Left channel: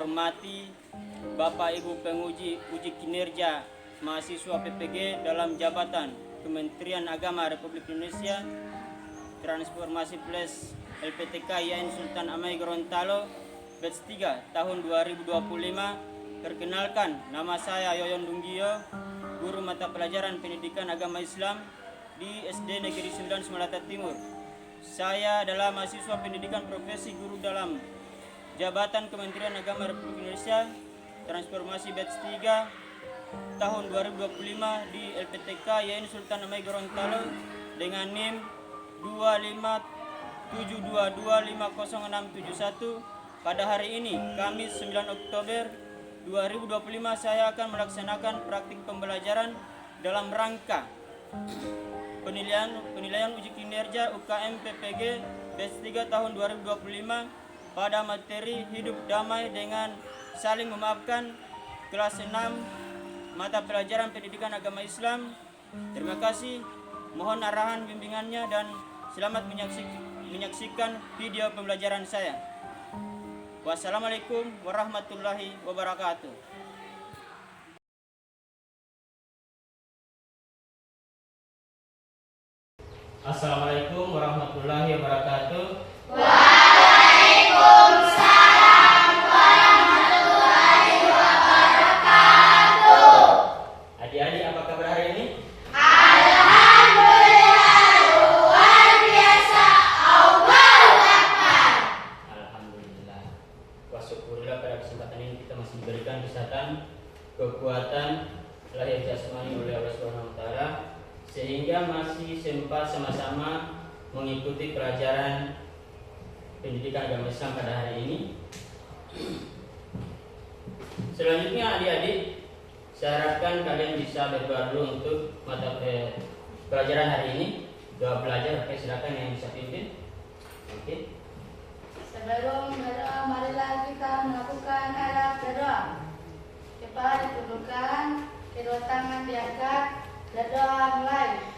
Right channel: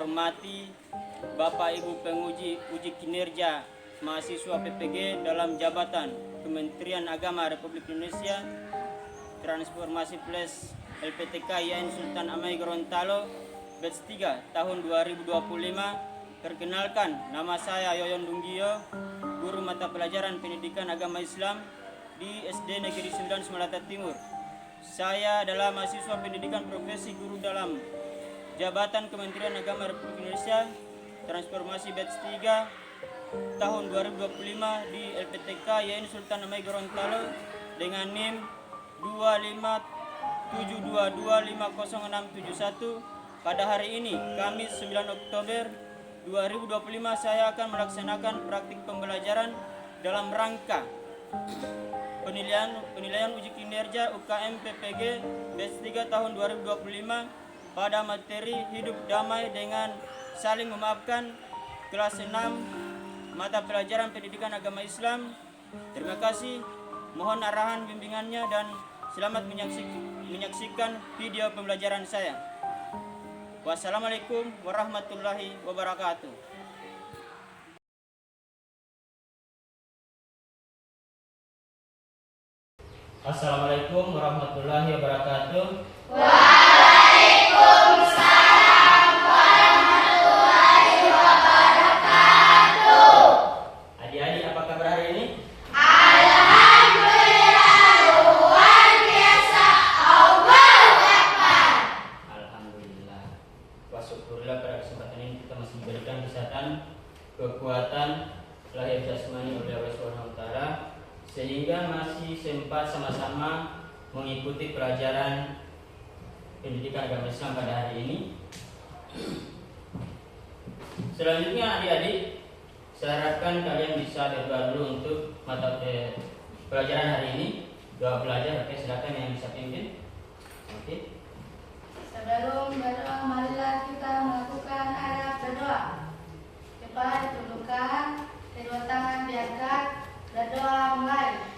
hormati Bapak Ibu penguji uji kinerja mahasiswa PPG dalam jabatan Kementerian Agama Republik Indonesia Transformasi Plus LPTK YN Sultan Amai Gorontalo batch 3 tahun 2025. Perkenalkan, nama saya Yoyon Dunggio, guru mata pelajaran pendidikan agama Islam di SD Negeri 9 Semalata Timur. Saya adalah mahasiswa pendidikan profesi guru dalam jabatan Kementerian Agama Republik Indonesia Transformasi batch 3 tahun 2025 di LPTK YN Sultan Amai Gorontalo dengan NIM 25722500671. Pada hari ini, Kamis 9 Oktober 2025, saya akan melaksanakan praktik pembelajaran dalam rangka penilaian uji kinerja UKM PPG batch 3 tahun 2025 pada materi hidup damai dengan saling memaafkan kelas 6 mata pelajaran pendidikan agama Islam. Terima kasih, mohon arahan bimbingannya dan selamat menyaksikan video pembelajaran saya. Wassalamualaikum warahmatullahi wabarakatuh. Assalamualaikum warahmatullahi wabarakatuh. Waalaikumsalam warahmatullahi wabarakatuh. Adik-adik, apa kabar hari ini? Alhamdulillah, luar biasa. Allahu Akbar. Alhamdulillah. Wa syukurillah, pada kesempatan ini kita masih diberikan kesehatan, kekuatan lahir jasmani oleh Allah Subhanahu wa taala, sehingga masih sempat sama-sama mengikuti pelajaran pendidikan agama Islam pada hari ini. Selanjutnya adik-adik, saya harapkan kalian bisa berdoa dulu untuk mata pelajaran hari ini. Doa belajar, oke, silakan yang bisa pimpin. Oke. Sebelum berdoa, marilah kita melakukan arah berdoa. Cepat ditundukkan, kedua tangan diangkat, berdoa mulai.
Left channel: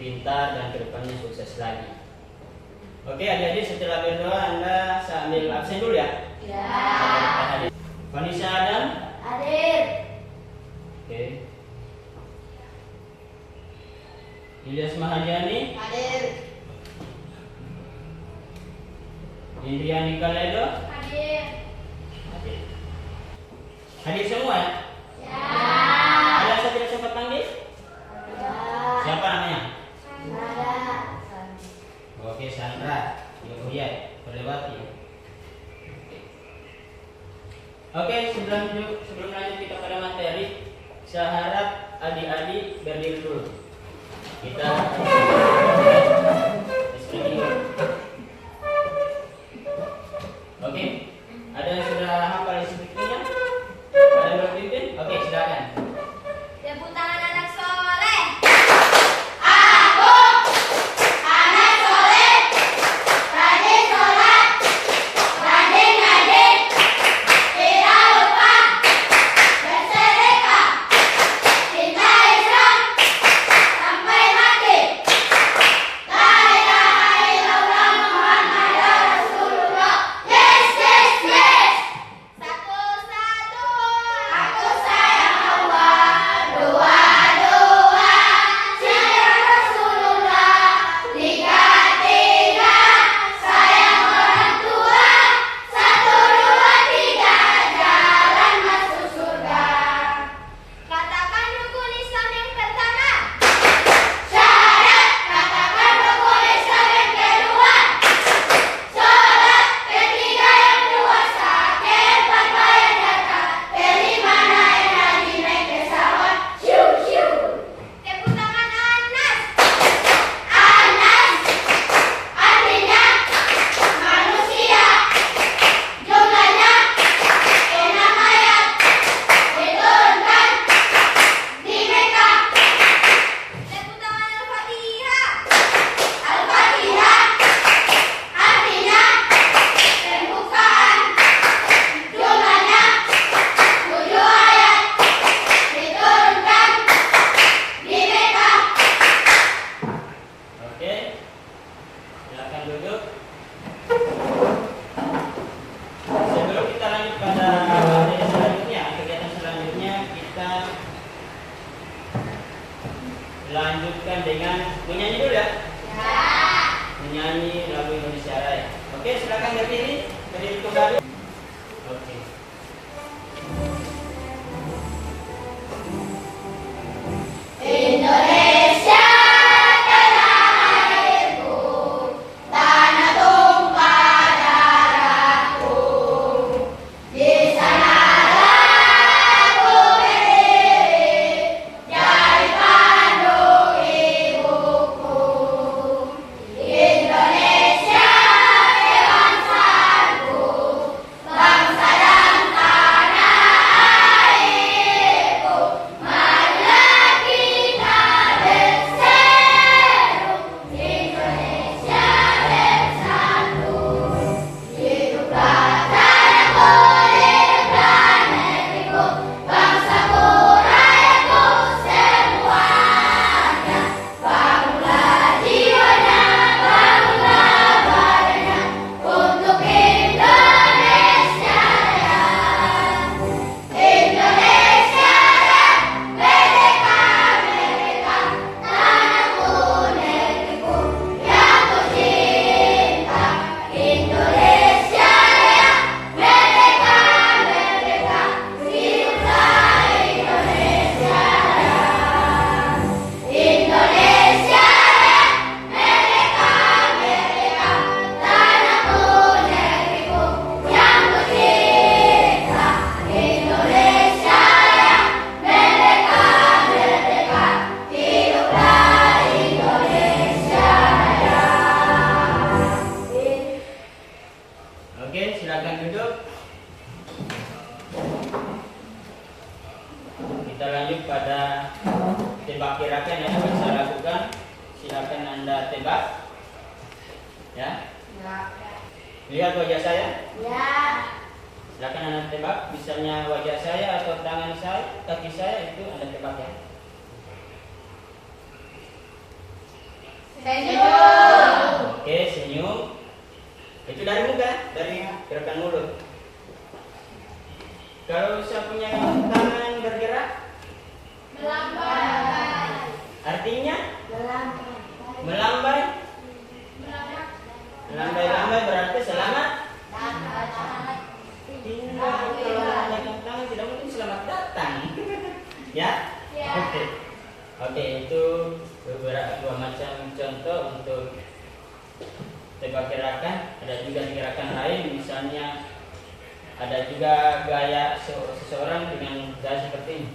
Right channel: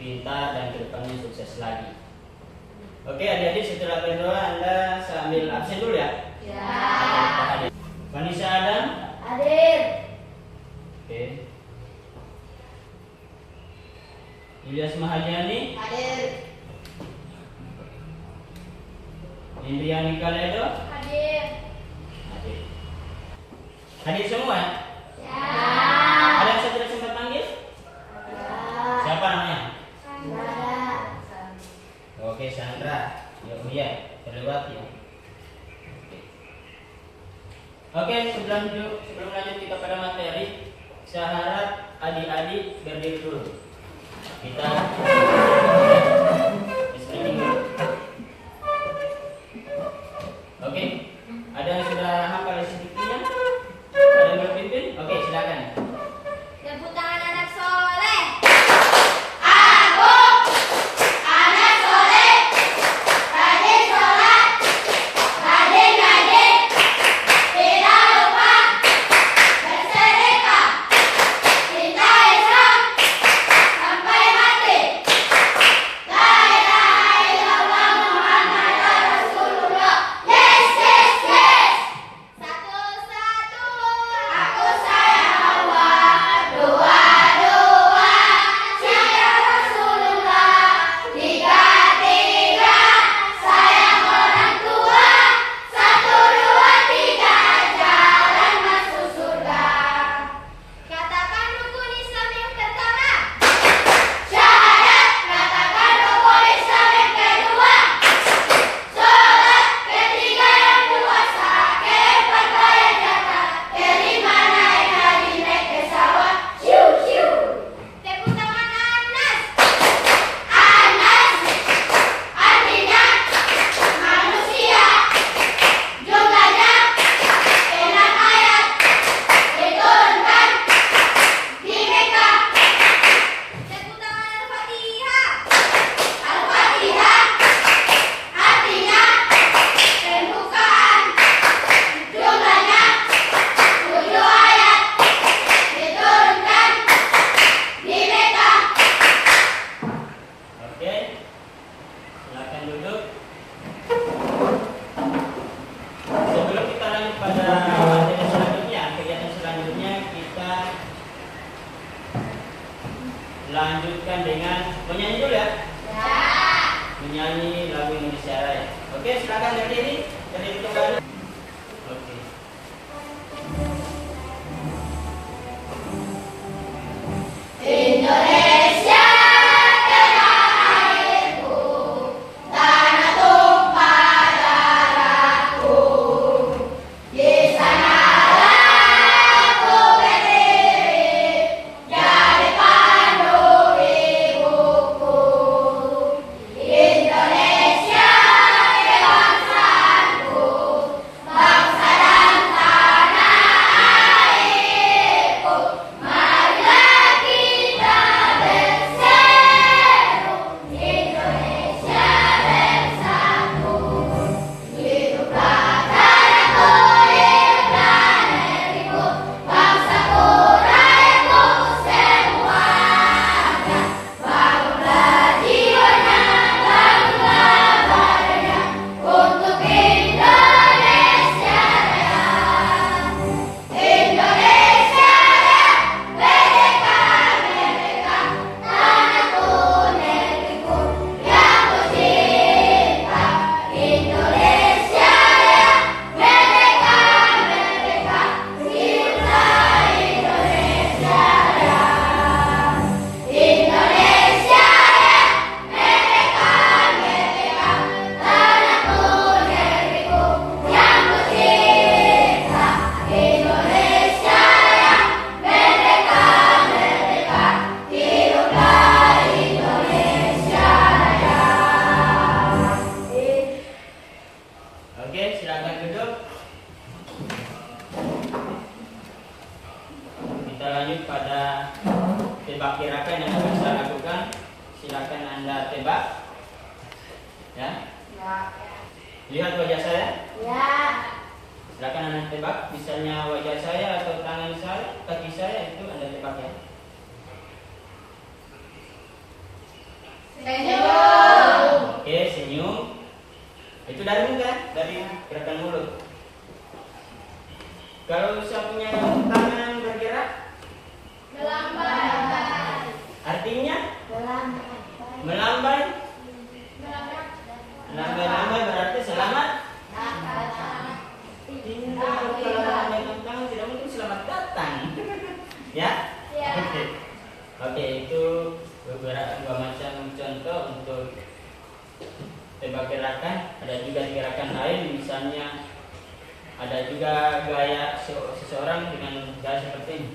pintar dan kedepannya sukses lagi. Oke adik-adik, setelah berdoa Anda saya ambil absen dulu ya. Ya. Vanessa Adam. Hadir. Oke. Ilyas Mahajani. Hadir. Indriani Kaledo. Hadir. Hadir. Hadir semua ya? Ya. Ada yang saya tidak sempat panggil? Siapa namanya? Ada. Oke, Sandra. Ya, terlewat ya. Oke, sebelum lanjut adik-adik berdiri dulu. Kita screening dulu. Oke, ada yang sudah hafal isinya? Ada yang belum pimpin? Oke, silakan. Tepuk tangan anak soleh. Lanjutkan dengan menyanyi dulu ya. Menyanyi lagu Indonesia Raya. Oke, silakan berdiri. Berdiri kembali. Oke. Indonesia tanah airku, tanah tumpah darahku. Di sanalah aku berdiri, jadi pandu ibuku. Indonesia bangsaku, bangsa dan tanah airku. Marilah kita berseru, Indonesia bersatu. Hiduplah tanahku, hiduplah negeriku, bangsaku, rakyatku semuanya. Bangunlah jiwanya, bangunlah badannya, untuk Indonesia Raya. Indonesia Raya, merdeka, merdeka, tanahku, negeriku yang kucinta. Indonesia Raya, merdeka, merdeka, hiduplah Indonesia Raya. Indonesia Raya, merdeka, merdeka, tanahku, negeriku yang kucinta. Indonesia Raya, merdeka, merdeka, hiduplah Indonesia Raya. Oke, silakan duduk. Kita lanjut pada tembak kirakan yang akan saya lakukan. Silakan Anda tembak. Ya. Lihat wajah saya. Ya. Silakan Anda tembak. Misalnya wajah saya atau tangan saya, kaki saya itu Anda tembak ya. Senyum. Oke, senyum. Itu dari muka, dari gerakan mulut. Kalau saya punya tangan bergerak, Melambai. artinya Melambai. melambai. Melambai-lambai berarti selamat. Tidak, kalau melambaikan tangan tidak mungkin selamat datang. Ya? Ya. Oke. Oke, itu dua macam contoh untuk tembak gerakan. Ada juga gerakan lain, misalnya ada juga gaya seseorang dengan gaya seperti ini.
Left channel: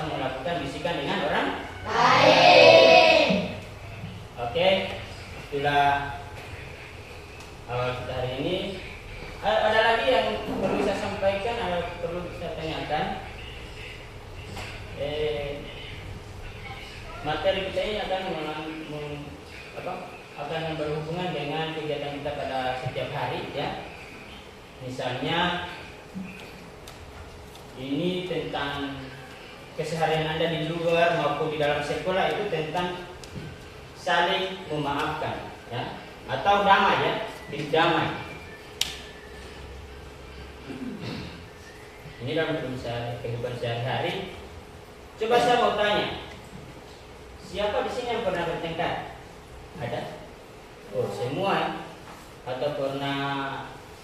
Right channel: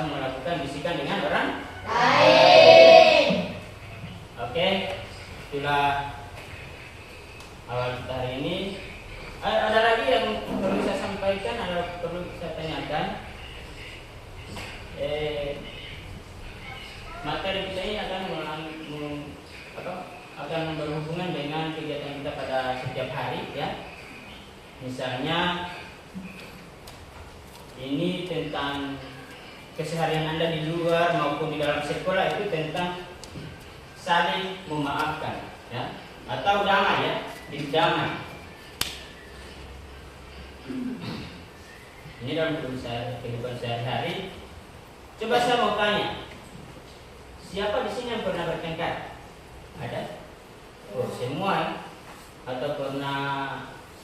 atau melakukan bisikan dengan orang lain. Oke, itulah awal kita hari ini. Ada lagi yang perlu saya sampaikan atau perlu saya tanyakan? Materi kita ini akan berhubungan dengan kegiatan kita pada setiap hari, ya. Misalnya ini tentang keseharian Anda di luar maupun di dalam sekolah, itu tentang saling memaafkan, ya, atau damai, ya, damai. Ini dalam kehidupan sehari-hari. Coba saya mau tanya, siapa di sini yang pernah bertengkar? Ada? Oh, semua, ya? Atau pernah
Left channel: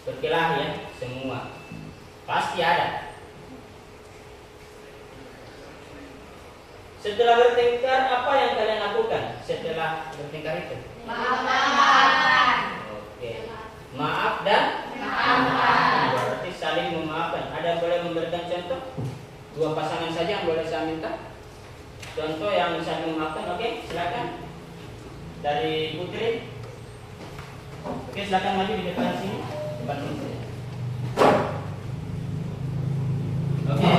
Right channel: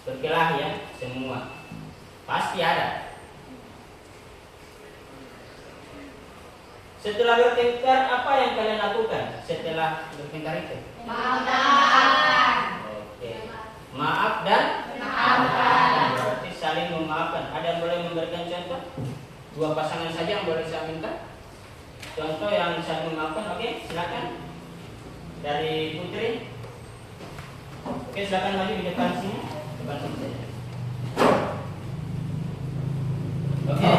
berkelahi, ya? Semua. Pasti ada. Setelah bertengkar, apa yang kalian lakukan setelah bertengkar itu? Maafkan. Oke. Maaf dan Maafkan. berarti saling memaafkan. Ada yang boleh memberikan contoh? Dua pasangan saja yang boleh saya minta. Contoh yang saling memaafkan. Oke, silakan. Dari Putri. Oke, silakan maju di depan sini. Depan sini saja. Oke,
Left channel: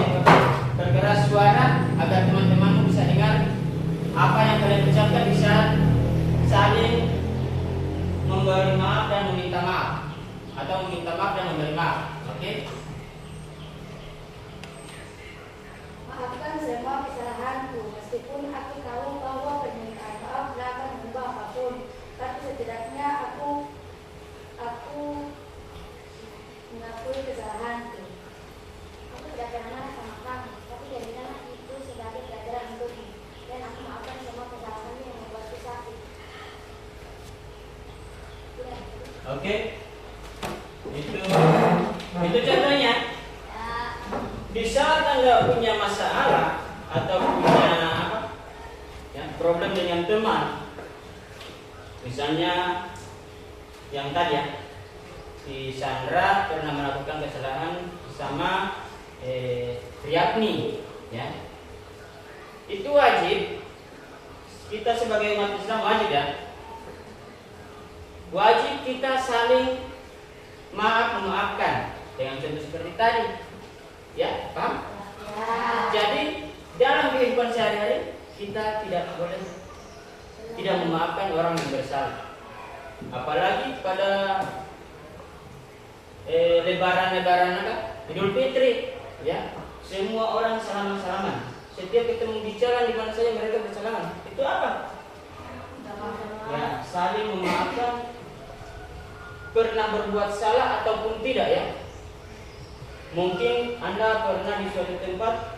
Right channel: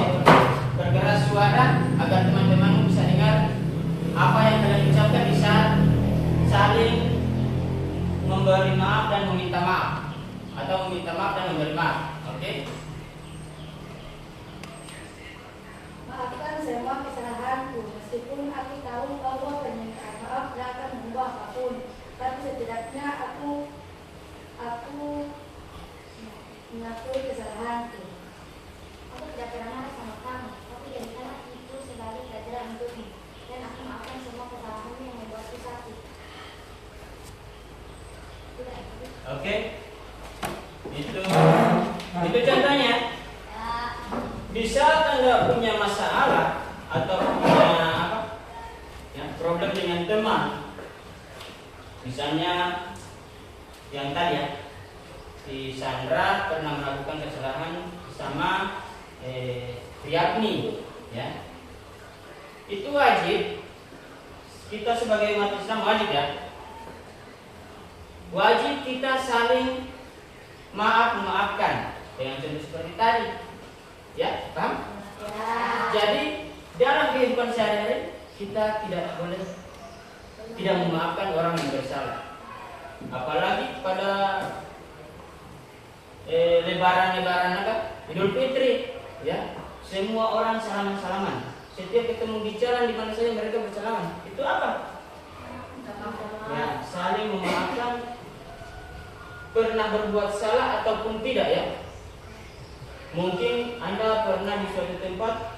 bergerak suara agar teman-temanmu bisa dengar apa yang kalian ucapkan, bisa saling memberi maaf dan meminta maaf, atau meminta maaf dan memberi maaf. Oke? Maafkan semua kesalahanku, meskipun aku tahu bahwa permintaan maaf tidak akan mengubah apapun, tapi setidaknya aku mengakui kesalahanku. Aku tidak pernah marah sama kamu, tapi jadikanlah itu sebagai pelajaran untukmu, dan aku maafkan semua kesalahanmu yang membuatku sakit. Oke? Itu contohnya. Bisa Anda punya masalah atau punya problem dengan teman. Misalnya yang tadi, ya, si Sandra pernah melakukan kesalahan sama Priyatni, ya. Itu wajib kita sebagai umat Islam, wajib, ya. Wajib kita saling memaafkan dengan contoh seperti tadi. Ya, paham? Ya. Jadi dalam kehidupan sehari-hari kita tidak boleh tidak memaafkan orang yang bersalah. Apalagi pada lebaran Idul Fitri, ya. Semua orang salaman-salaman. Setiap ketemu di jalan di mana saja mereka bersalaman. Itu apa? Ya, saling memaafkan, pernah berbuat salah ataupun tidak, ya. Mungkin Anda pernah di suatu tempat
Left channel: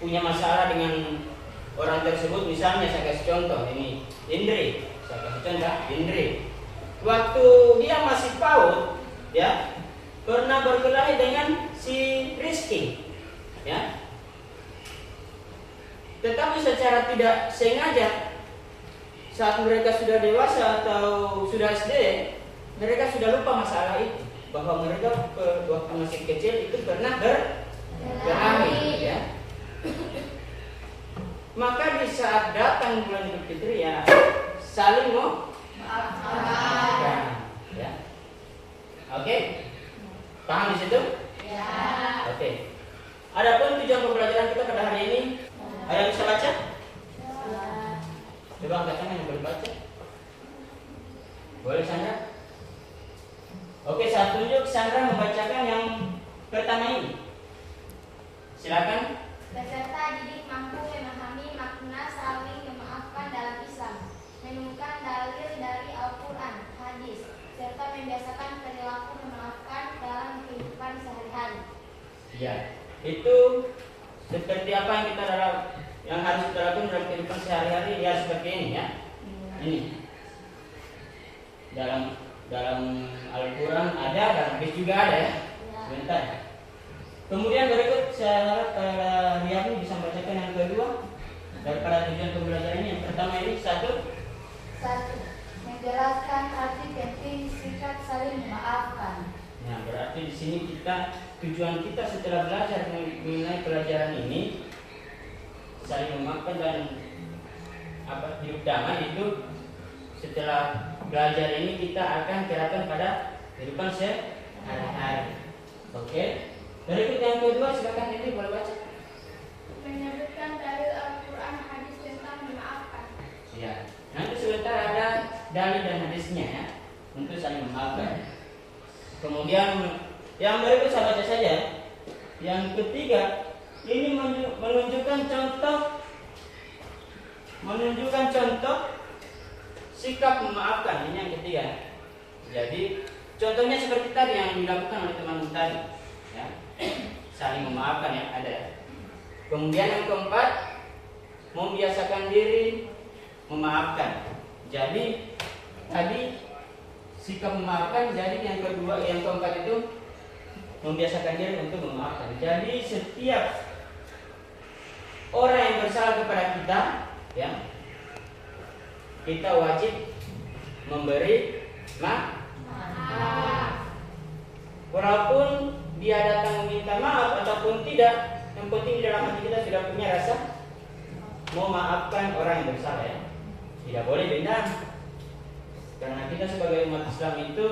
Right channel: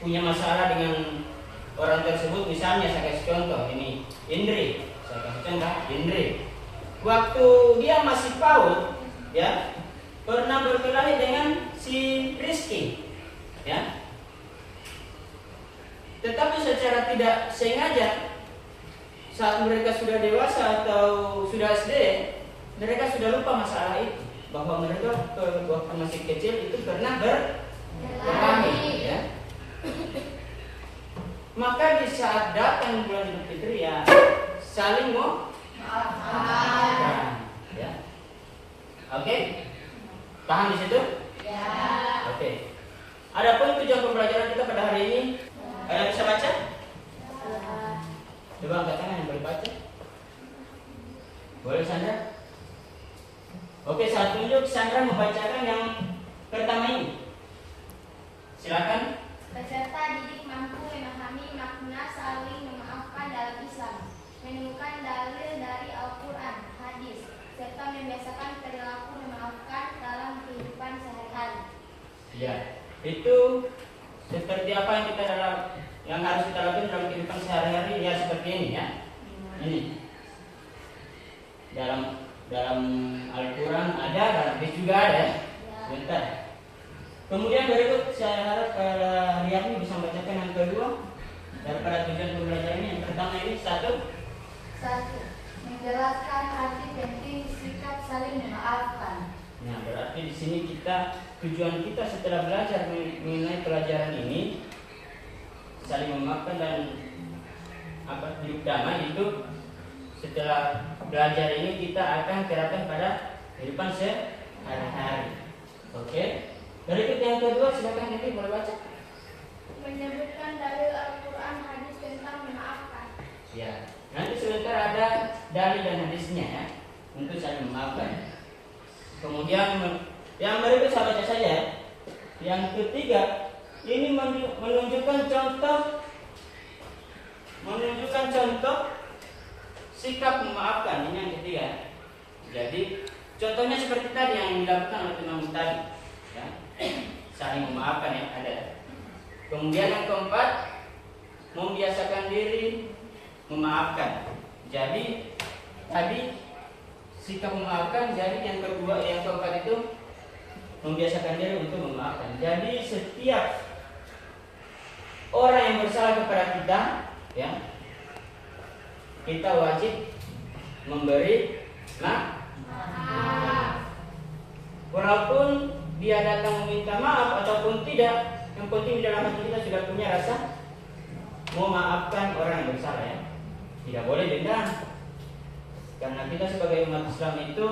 punya masalah dengan orang tersebut. Misalnya saya kasih contoh, ini Indri. Saya kasih contoh Indri. Waktu dia masih PAUD, ya, pernah berkelahi dengan si Rizky, ya. Tetapi secara tidak sengaja saat mereka sudah dewasa atau sudah SD, mereka sudah lupa masalah itu, bahwa mereka waktu masih kecil itu pernah berkelahi, ya. Maka di saat datang bulan Idul Fitri, ya, saling maafkan, ya. Oke, paham di situ? Ya. Oke. Adapun tujuan pembelajaran kita pada hari ini, ada yang bisa baca? Coba angkat tangan yang boleh baca. Boleh, Sandra? Oke, saya tunjuk Sandra membacakan yang pertama ini. Silakan. Peserta didik mampu memahami makna saling memaafkan dalam Islam, menemukan dalil dari Al-Quran, hadis, serta membiasakan perilaku memaafkan dalam kehidupan sehari-hari. Ya, itu seperti apa yang harus kita lakukan dalam kehidupan sehari-hari, ya, seperti ini, ya. Ini dalam Al-Quran ada, dalam hadis juga ada, ya. Bentar. Kemudian berikut saya harap Riyadni bisa membacakan yang kedua daripada tujuan pembelajaran ini. Yang pertama ini satu, menjelaskan arti penting sikap saling memaafkan. Nah, berarti di sini tujuan kita setelah belajar mengenai pelajaran ini saling memaafkan dan hidup damai itu setelah belajar ini kita akan terapkan pada kehidupan sehari-hari. Oke. Berikut yang kedua, silakan ini boleh baca. Menyebutkan dalil Al-Quran hadis tentang memaafkan. Ya. Nanti sebentar ada dalil dan hadisnya ya untuk saling memaafkan. Kemudian yang berikut saya baca saja. Yang ketiga, ini menunjukkan contoh sikap memaafkan. Ini yang ketiga. Jadi contohnya seperti tadi yang dilakukan oleh teman tadi, ya. Saling memaafkan yang ada. Kemudian yang keempat, membiasakan diri memaafkan. Jadi tadi sikap memaafkan. Jadi yang kedua, yang keempat itu membiasakan diri untuk memaafkan. Jadi setiap orang yang bersalah kepada kita, ya, kita wajib memberi maaf. Walaupun dia datang meminta maaf ataupun tidak, yang penting di dalam hati kita sudah punya rasa memaafkan orang yang bersalah, ya. Tidak boleh dendam. Karena kita sebagai umat Islam itu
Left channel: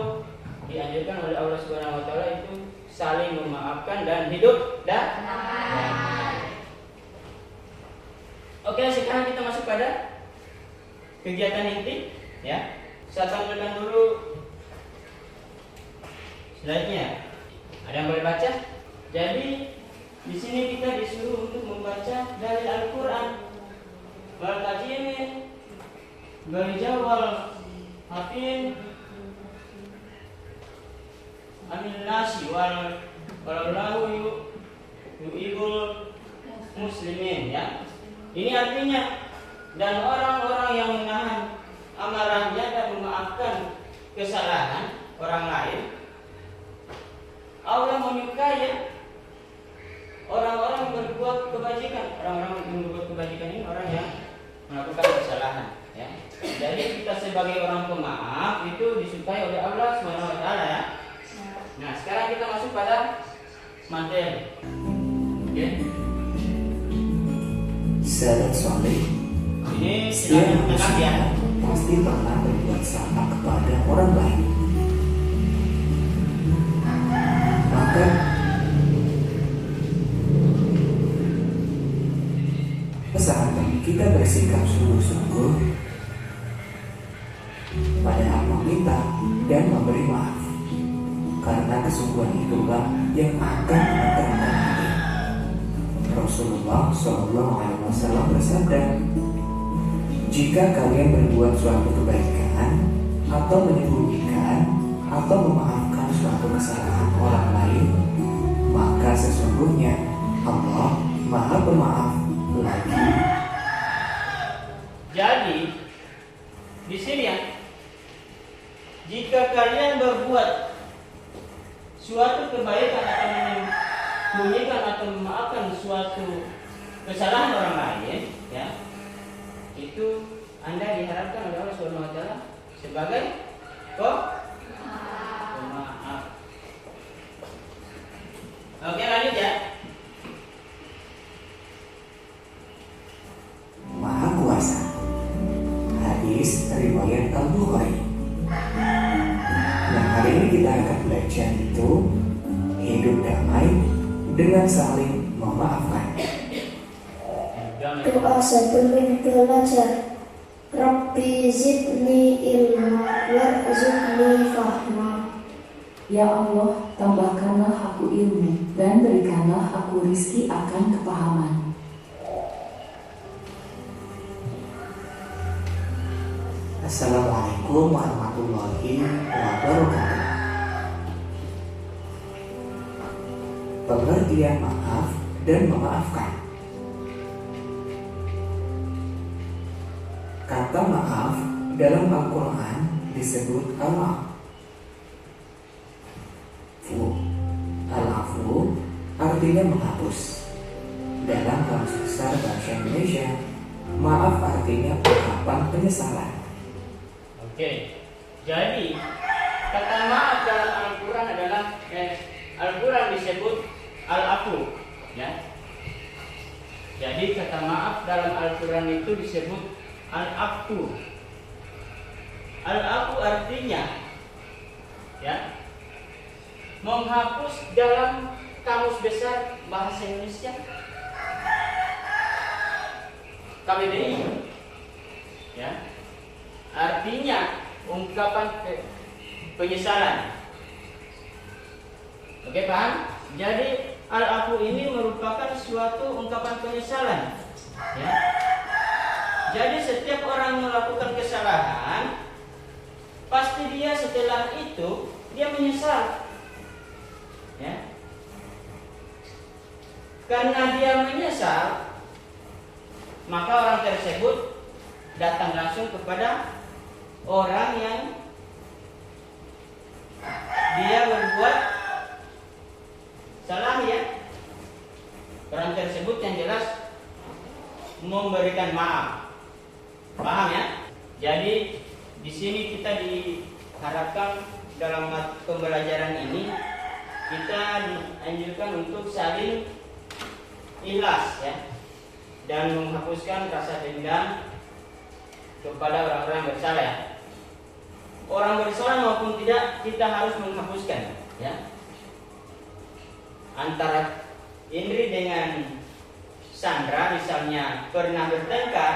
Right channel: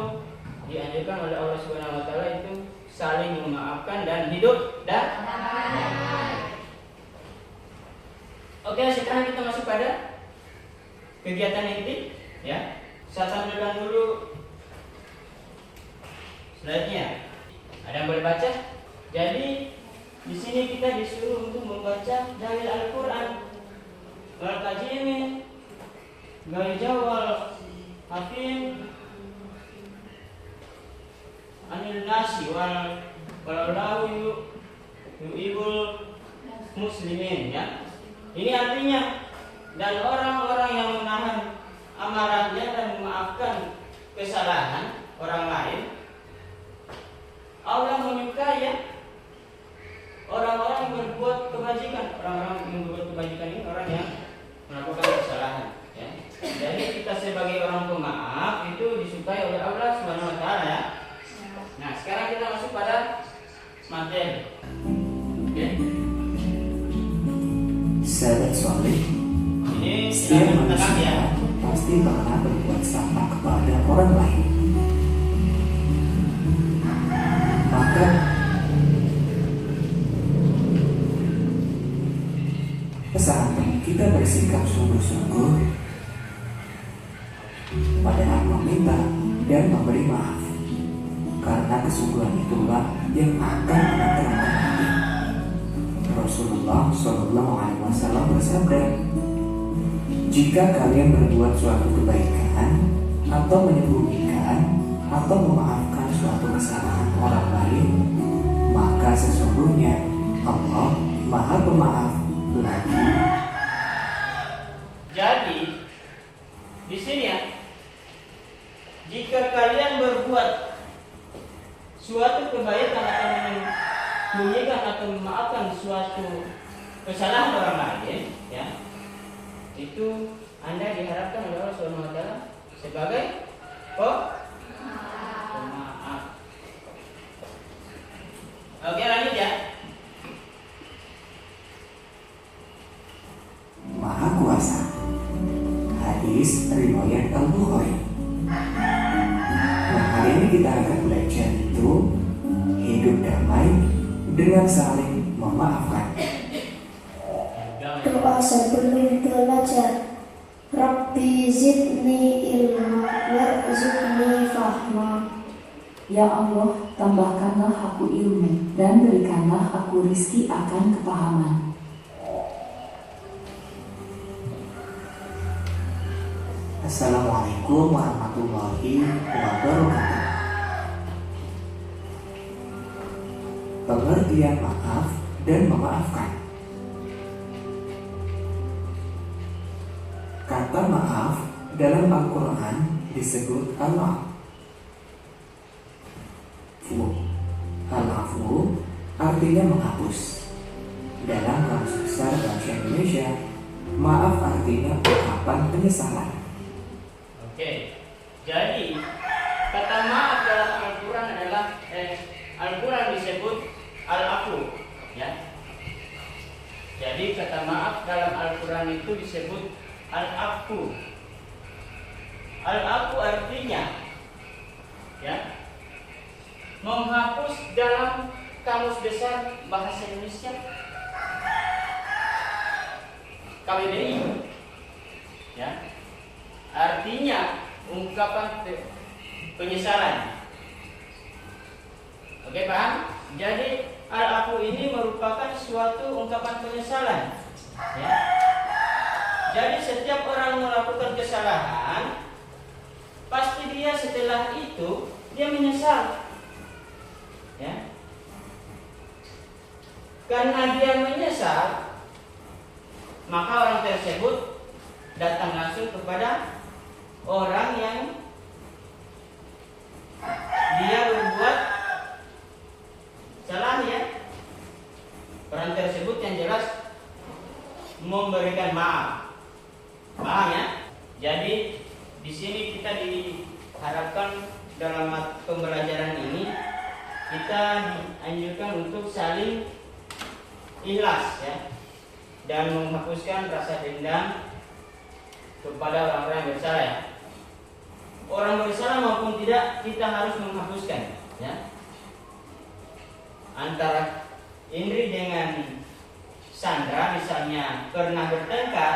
dianjurkan oleh Allah Subhanahu wa taala itu saling memaafkan dan hidup damai. Oke, sekarang kita masuk pada kegiatan inti, ya. Saya tampilkan dulu slide-nya. Ada yang boleh baca? Jadi di sini kita disuruh untuk membaca dalil Al-Quran, wal tajimi, wal jawal, hafin, anil nasi, walau yu'ibul muslimin, ya. Ini artinya, dan orang-orang yang menahan amarahnya dan memaafkan kesalahan orang lain, Allah menyukai, ya, orang-orang yang berbuat kebajikan. Orang-orang yang berbuat kebajikan ini orang yang melakukan kesalahan, ya. Jadi kita sebagai orang pemaaf itu disukai oleh Allah Subhanahu wa taala, ya. Nah, sekarang kita masuk pada materi. Oke. Sahabat soleh, Ini setiap kita manusia ya. pasti pernah berbuat sama kepada orang lain. Maka kesalahan kita bersikap sungguh-sungguh pada meminta dan memberi maaf, karena kesungguhan itulah yang akan menenangkan hati. Rasulullah SAW bersabda, jika kalian berbuat suatu kebaikan atau menyembunyikan atau memaafkan suatu kesalahan orang lain, maka sesungguhnya Allah Maha Pemaaf lagi. Jadi di sini, ya, jika kalian berbuat suatu kebaikan atau menyembunyikan atau memaafkan suatu kesalahan orang lain, ya, itu Anda diharapkan oleh Allah Subhanahu wa taala sebagai pemaaf. Oke, lanjut, ya. Maha Kuasa. Hadis riwayat Al-Bukhari. Nah, hari ini kita akan belajar itu hidup damai dengan saling memaafkan. Doa sebelum belajar. Rabbi zidni ilma warzuqni fahma. Ya Allah, tambahkanlah aku ilmu dan berikanlah aku rizki akan kepahaman. Assalamualaikum warahmatullahi wabarakatuh. Pengertian maaf dan memaafkan. Kata maaf dalam Al-Quran disebut al-afu. Al-afu artinya menghapus. Dalam Kamus Besar Bahasa Indonesia, maaf artinya ungkapan penyesalan. Oke. Jadi kata maaf dalam Al-Quran adalah Al-Quran disebut al-afu, ya. Jadi kata maaf dalam Al-Quran itu disebut al-afu. Al-afu artinya ya, menghapus dalam Kamus Besar Bahasa Indonesia KBBI ya, artinya ungkapan penyesalan. Oke, paham? Jadi al-afu ini merupakan suatu ungkapan penyesalan ya. Jadi setiap orang melakukan kesalahan, pasti dia setelah itu dia menyesal ya. Karena dia menyesal, maka orang tersebut datang langsung kepada orang yang dia berbuat salah ya. Orang tersebut yang jelas memberikan maaf. Paham ya? Jadi di sini kita diharapkan dalam pembelajaran ini kita dianjurkan untuk saling ikhlas ya, dan menghapuskan rasa dendam kepada orang-orang yang bersalah ya. Orang bersalah maupun tidak, kita harus menghapuskan ya. Antara Indri dengan Sandra misalnya pernah bertengkar,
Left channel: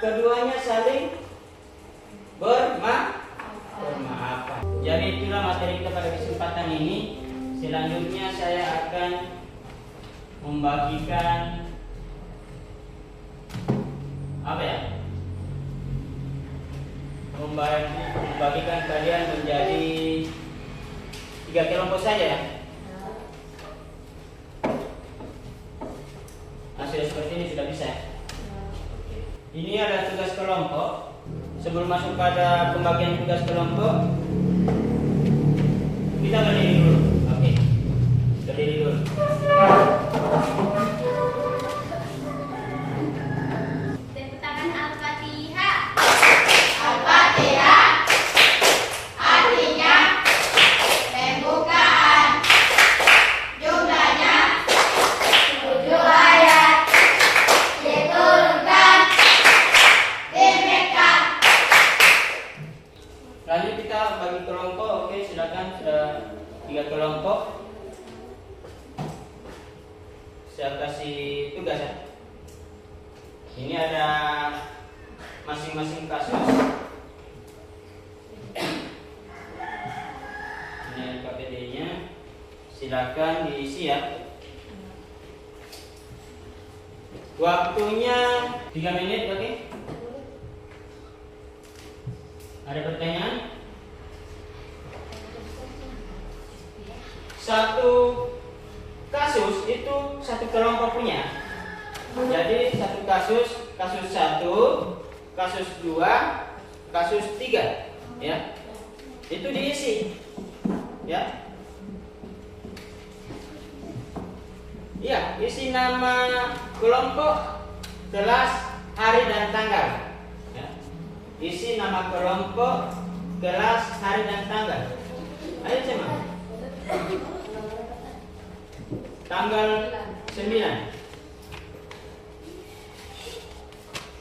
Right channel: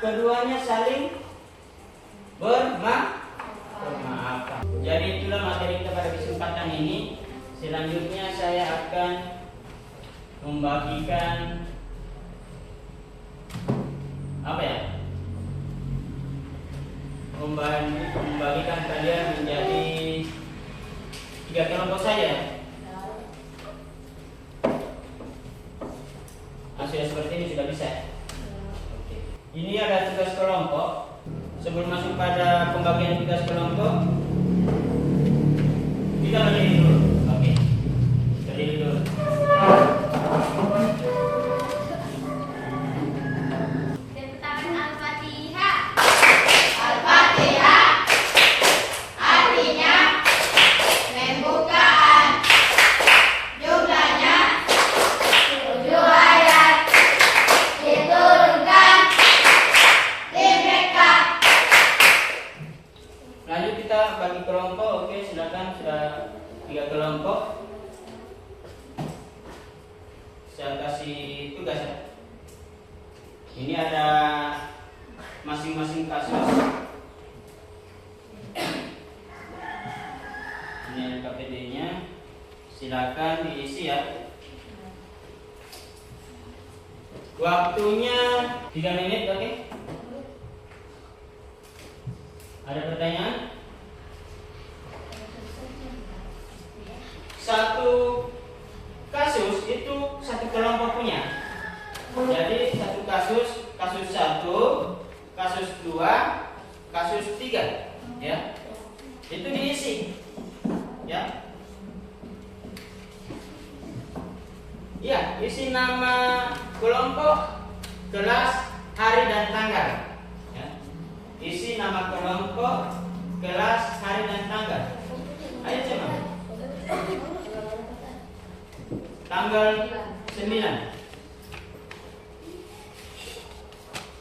keduanya saling bermaafan. Jadi itulah materi kita pada kesempatan ini. Selanjutnya saya akan membagikan apa ya? Membagikan kalian menjadi 3 kelompok saja. Nah, sudah seperti ini sudah bisa. Oke. Ini ada tugas kelompok. Sebelum masuk pada pembagian tugas kelompok, kita berdiri dulu. Oke. Berdiri dulu. Tepuk tangan Al-Fatihah. Al-Fatihah artinya pembukaan. Jumlahnya 7 ayat. Diturunkan di Mekah. Lanjut kita bagi kelompok. Oke, silakan, sudah 3 kelompok. Saya kasih tugas ya. Ini ada masing-masing kasus. Ini KTD-nya. Silakan diisi ya. Waktunya 3 menit, oke? Ada pertanyaan? Satu kasus itu satu kelompok punya. Jadi satu kasus 1, kasus 2, kasus 3 ya. Itu diisi ya. Ya, isi nama kelompok, kelas, hari dan tanggal ya. Isi nama kelompok, kelas, hari dan tanggal. Ayo coba. Tanggal 9.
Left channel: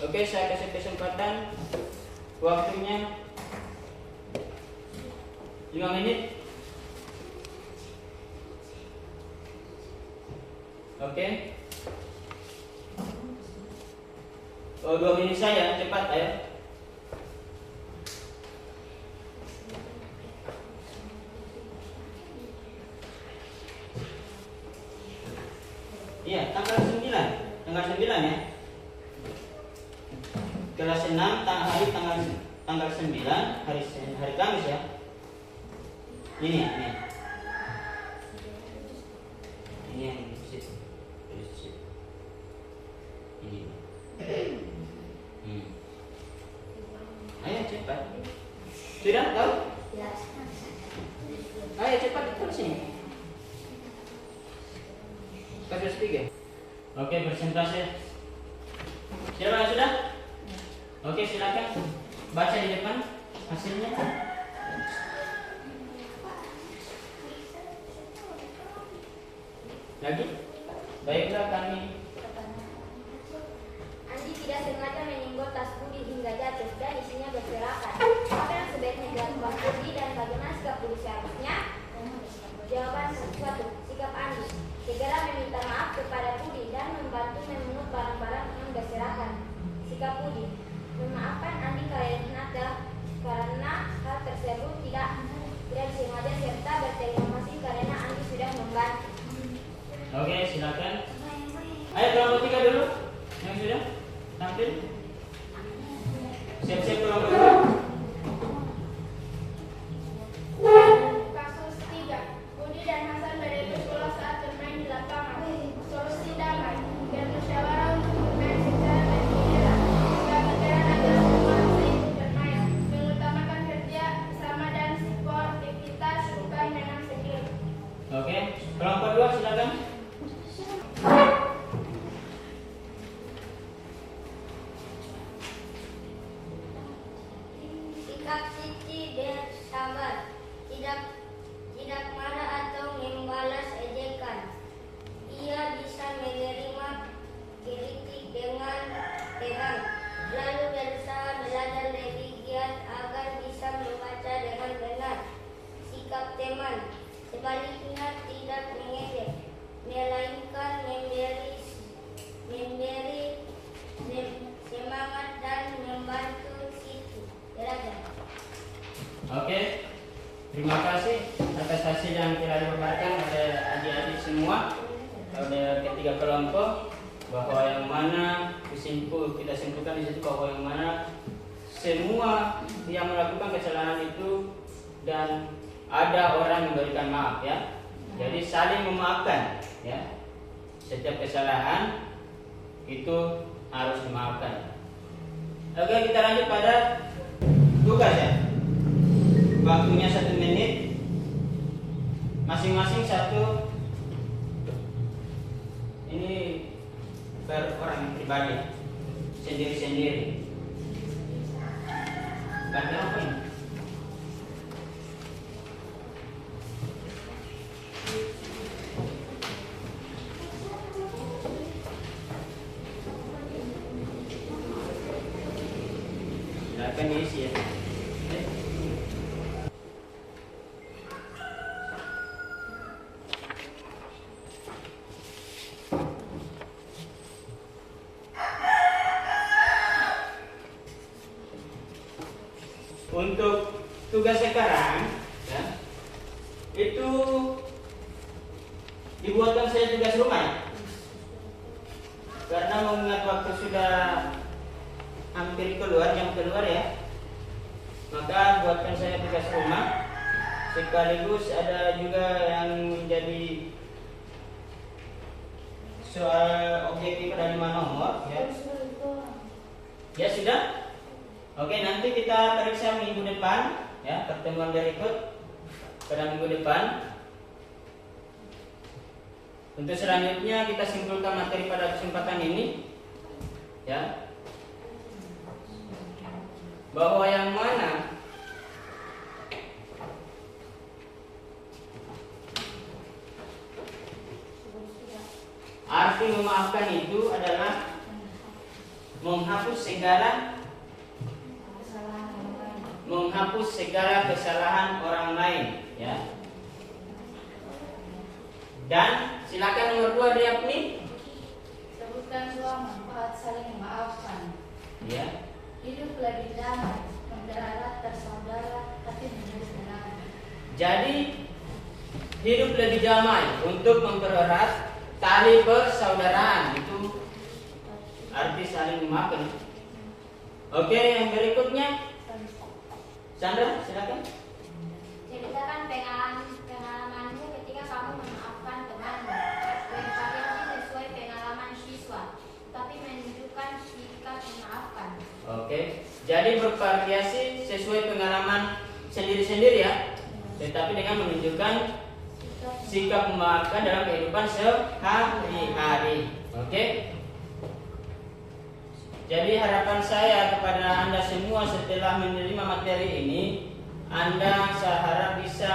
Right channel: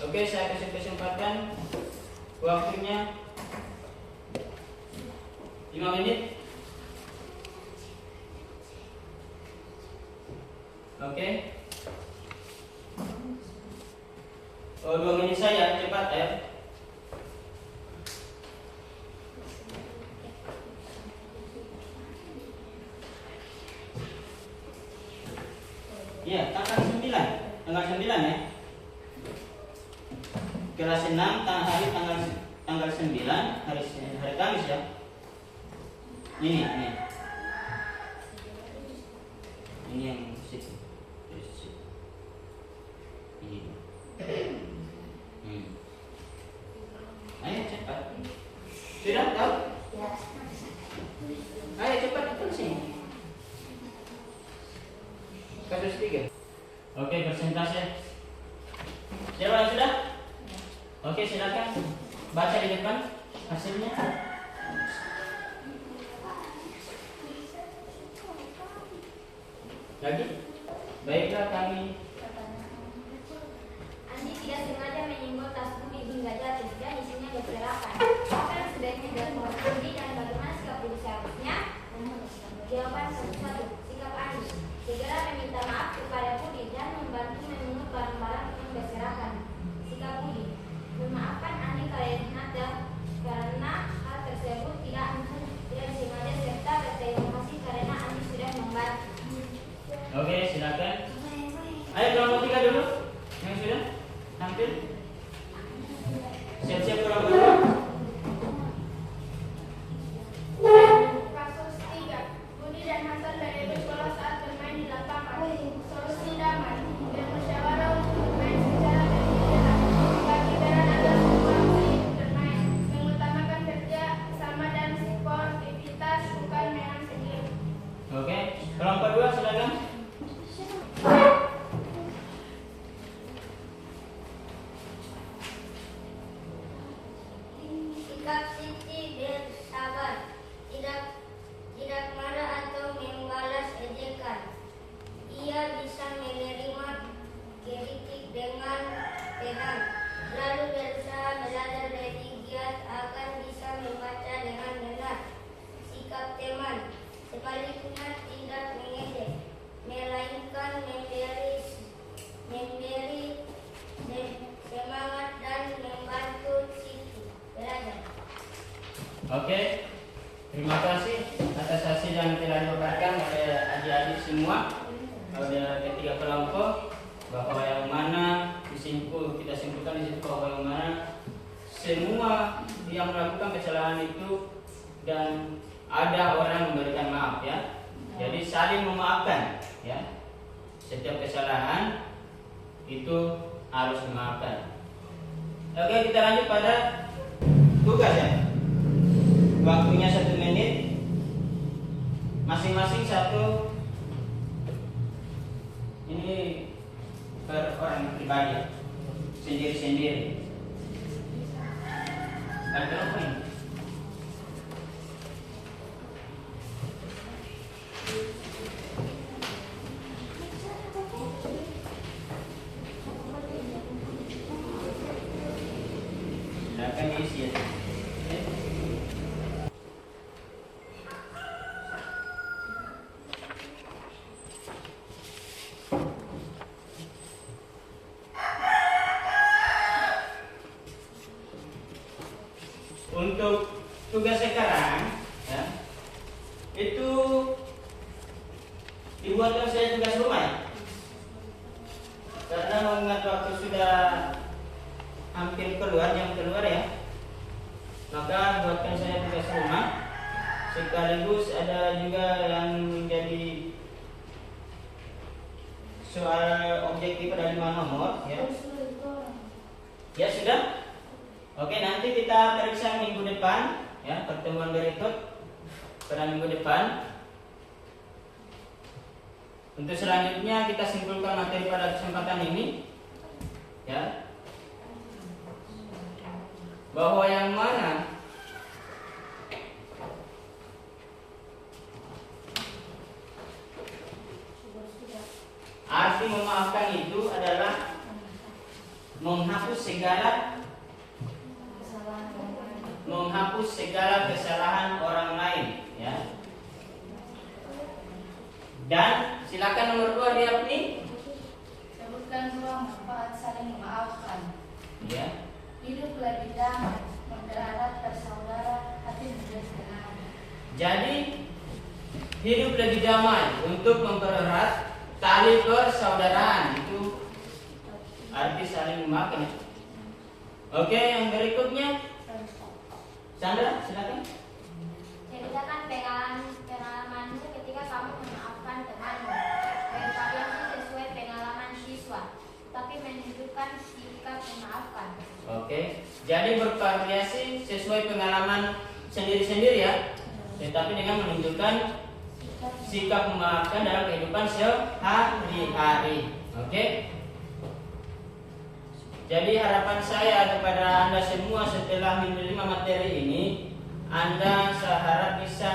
Oke, saya kasih kesempatan. Waktunya 5 menit. Oke. 2 menit saja, cepat ayo. Iya, tanggal 9 ya. Kelas 6 tanggal 9 hari Kamis ya. Ini yang situ. Ini. Ayo cepat. Sudah tahu? Ya. Ayo cepat tulis sini. Kasus 3. Oke, persentase. Sudah? Oke, silakan baca di depan hasilnya. Lagi? Baiklah, kami berserakan. Apa yang sebaiknya dilakukan Andi dan bagaimana sikap Budi seharusnya? Jawaban 1. Sikap Andi: segera meminta maaf kepada Budi dan membantu memungut barang-barang yang berserakan. Sikap Budi: memaafkan Andi karena hal tersebut tidak disengaja serta berterima kasih karena Andi sudah membantu. Oke, silakan. Ayo kelompok 3 dulu. Yang sudah tampil. Siap-siap kelompok dulu. Kasus 3. Budi dan Hasan dari sekolah saat bermain di lapangan. Solusi damai dan musyawarah untuk bermain secara bergiliran. Kepikiran adalah menguasai bermain, mengutamakan kerja sama dan sportivitas bukan menang sendiri. Oke, kelompok 2 silakan. Sikap Siti bersabar, tidak marah atau membalas ejekan. Ia bisa menerima kritik dengan tenang, lalu berusaha belajar lebih giat agar bisa membaca dengan benar. Sikap teman, sebaliknya tidak mengejek, melainkan memberi semangat dan membantu Siti belajar. Oke, terima kasih atas hasil yang telah dipaparkan oleh adik-adik semua. Pada ketiga kelompok, bahwa yang mana kita simpulkan di situ bahwa yang mana semua yang melakukan kesalahan itu dan ada orang memberikan maaf ya. Jadi saling memaafkan ya. Setiap kesalahan itu harus dimaafkan. Oke, kita lanjut pada tugas ya. Waktunya 1 menit, masing-masing 1. Ini per orang pribadi, sendiri-sendiri. Baca apa ini? Silakan diisi ya. Untuk tugas sekarang ya, itu dibuatkan saya tugas rumah ya. Karena mengingat waktu sudah hampir jam keluar ya, maka buatkan saya tugas rumah. Sekaligus ada juga yang menjadi soal objektif ada 5 nomor ya. Ya sudah. Oke, nanti kita periksa minggu depan ya, pertemuan berikut pada minggu depan. Untuk selanjutnya kita simpulkan materi pada kesempatan ini ya, bahwa yang mana arti memaafkan itu adalah menghapus segala kesalahan orang lain ya. Dan silakan nomor 2 Riapni. Sebutkan 2 manfaat saling memaafkan. Ya. Hidup lebih damai, mempererat bersaudara, hati menjadi tenang. Jadi hidup lebih damai untuk mempererat tali persaudaraan, itu arti saling memaafkan. Oke, yang berikutnya Sandra, silakan. Ceritakan pengalamanmu ketika kamu memaafkan temanmu. Bervariasi sesuai pengalaman siswa, tapi menunjukkan sikap memaafkan. Oke, jadi bervariasi sesuai pengalaman sendiri-sendiri ya, tetapi dengan menunjukkan sikap memaafkan dalam kehidupan sehari-hari. Oke. Jadi harapan saya kepada Anda semua setelah menerima materi ini, Anda saya harap bisa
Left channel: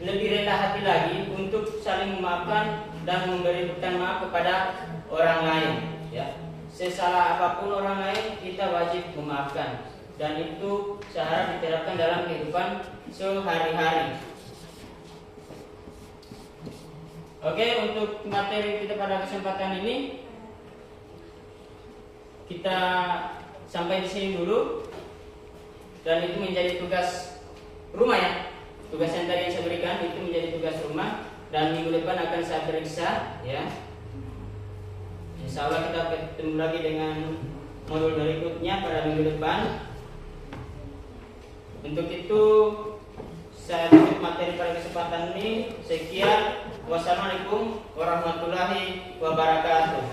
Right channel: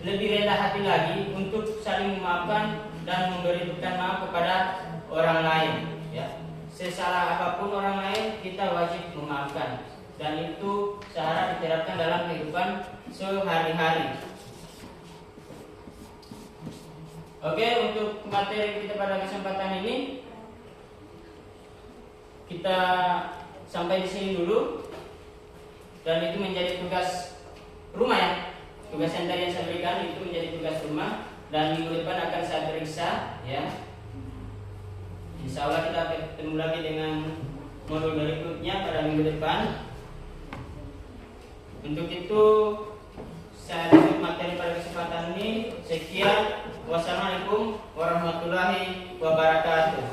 lebih rendah hati lagi untuk saling memaafkan dan memberi maaf kepada orang lain ya. sesalah apapun orang lain kita wajib memaafkan, dan itu seharap diterapkan dalam kehidupan sehari-hari. Oke, untuk materi kita pada kesempatan ini kita sampai di sini dulu, dan itu menjadi tugas rumah ya. Tugas yang tadi yang saya berikan itu menjadi tugas rumah, dan minggu depan akan saya periksa ya. Insya Allah kita ketemu lagi dengan modul berikutnya pada minggu depan. Untuk itu saya tutup materi pada kesempatan ini. Sekian, wassalamualaikum warahmatullahi wabarakatuh.